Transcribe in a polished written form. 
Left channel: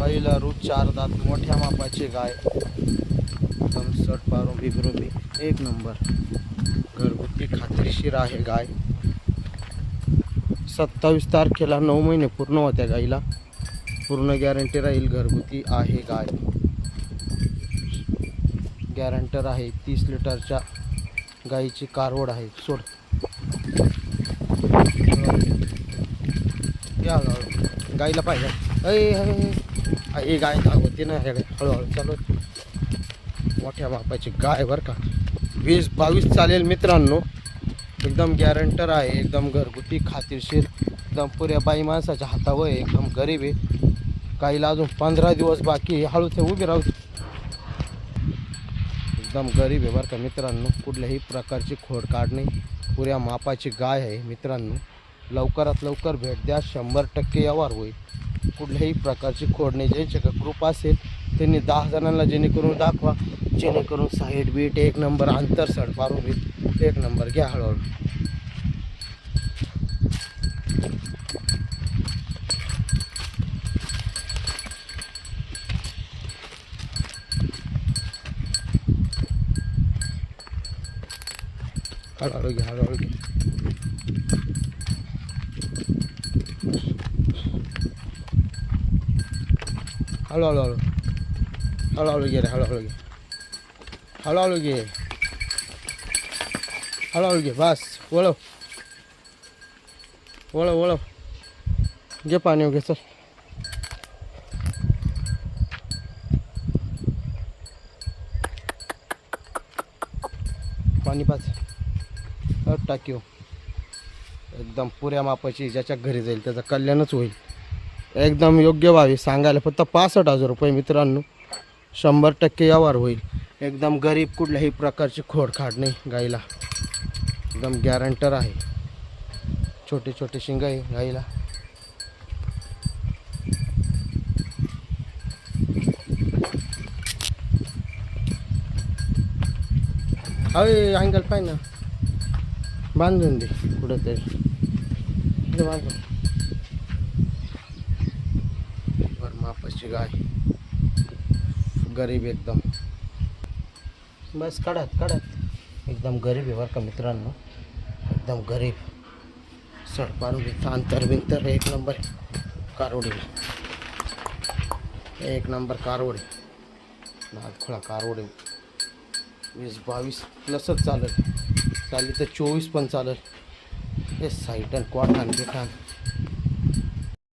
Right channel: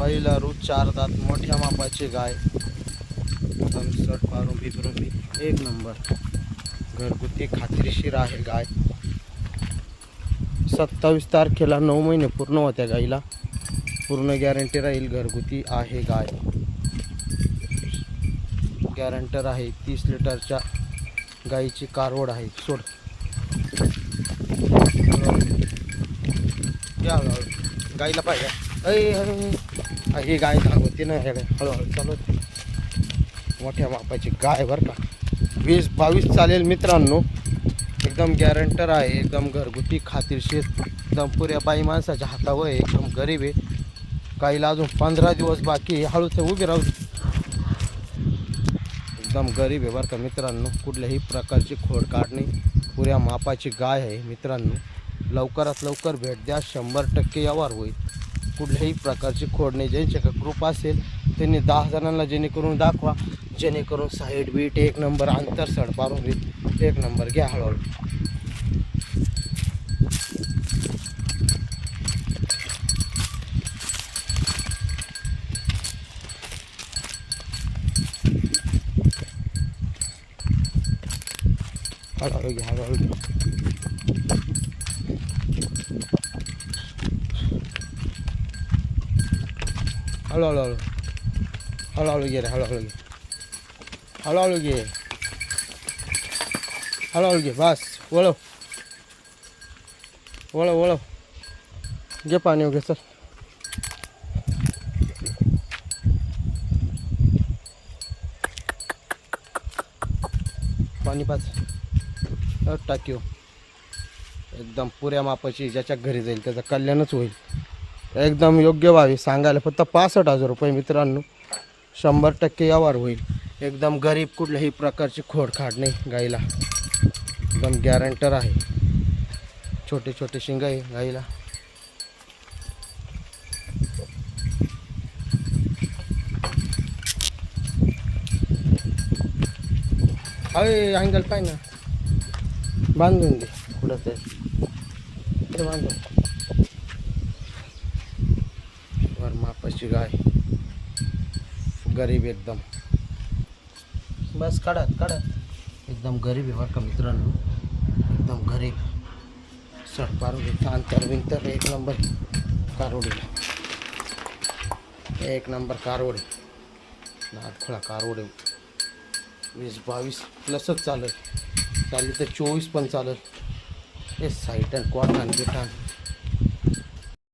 पहिला रूट 4 दात मोठ्या मापाची गाय, एकदम सट पारून बिबरून एक नंबर घरगुती खात्रीशीर आहे गाय। 27 तारखेला 9 महिने पूर्ण होत्या गाईला, पूर्ण गॅरंटी राहील। घरगुती आहे गाय, गॅरंटर आहे। 30 लिटरच्या गाईची कारवड आहे। सोड या हळूहळू गाईला पाहिजे हे गाय धावती ना हे हळूहळू चालू। मोठ्या मापाची गाय बरं का, 20-22 चालेल मित्रांनो। एकदम गॅरंटर आहे, एकदम घरगुती खात्रीशीर, एकदम पुऱ्या बाई माणसाच्या हातावर आहे। एकदम गरीब आहे। गाईला अजून 15 दिवस बाकी आहे। हळूच उभी राहू, एकदम गरीब आहे बरं का मित्रांनो। कुठल्याही प्रकारची खोड काढणे, पुऱ्या मापाची गाय आहे मित्रांनो। लवकरात लवकर भेट द्या, 100% व्यवहार होईल। कुठल्याही प्रकारची खोड नाही। ज्यांच्याकडे ग्रुप असेल त्यांनी 10 जणांना जेणेकरून दाखवा, जेणेकरून साईड बीट एक नंबर, अंतर सड पारून बीट एक नंबर। घ्या हळूहळू हळूहळू घ्या हळूहळू घ्या। हळूहळू हळूहळू घे रे, हळूहळू घे, हळूहळू घे, हळूहळू घे। बस वळव वळव वळव, घे पाणी वगैरे। चल पाणी पाच टाकीव, एकदम पुऱ्या मापाची। ज्याच्या घरी जाईल त्याचं कल्याणच होईल। एकदम योग्य भावी सांगायला फक्त 65,000 रुपये मित्रांनो, 100% व्यवहार होईल। एकदम गरीब, कुठल्याही प्रकारची खोडखाड नाही गाईला, एकदम गॅरंटर आहे। छोटे छोटे शिंग आहे गाईला। अरे अंगल पाय ना, बांधून दे कुठं तरी बांधून। वर मापाची गाय, गरीब एकदम। बस काढत काढत, एकदम गरीब आहे बरं का मित्रांनो, एकदम गरीब। सड पारून अंतर बिंतर एक नंबर कारवडी, एक नंबर कारवडी, नादखोळा कारवडी। 20-22 प्लसच चालेल, चालेल तर 24 पण चालेल। हे साईट आणि क्वाठान बिठान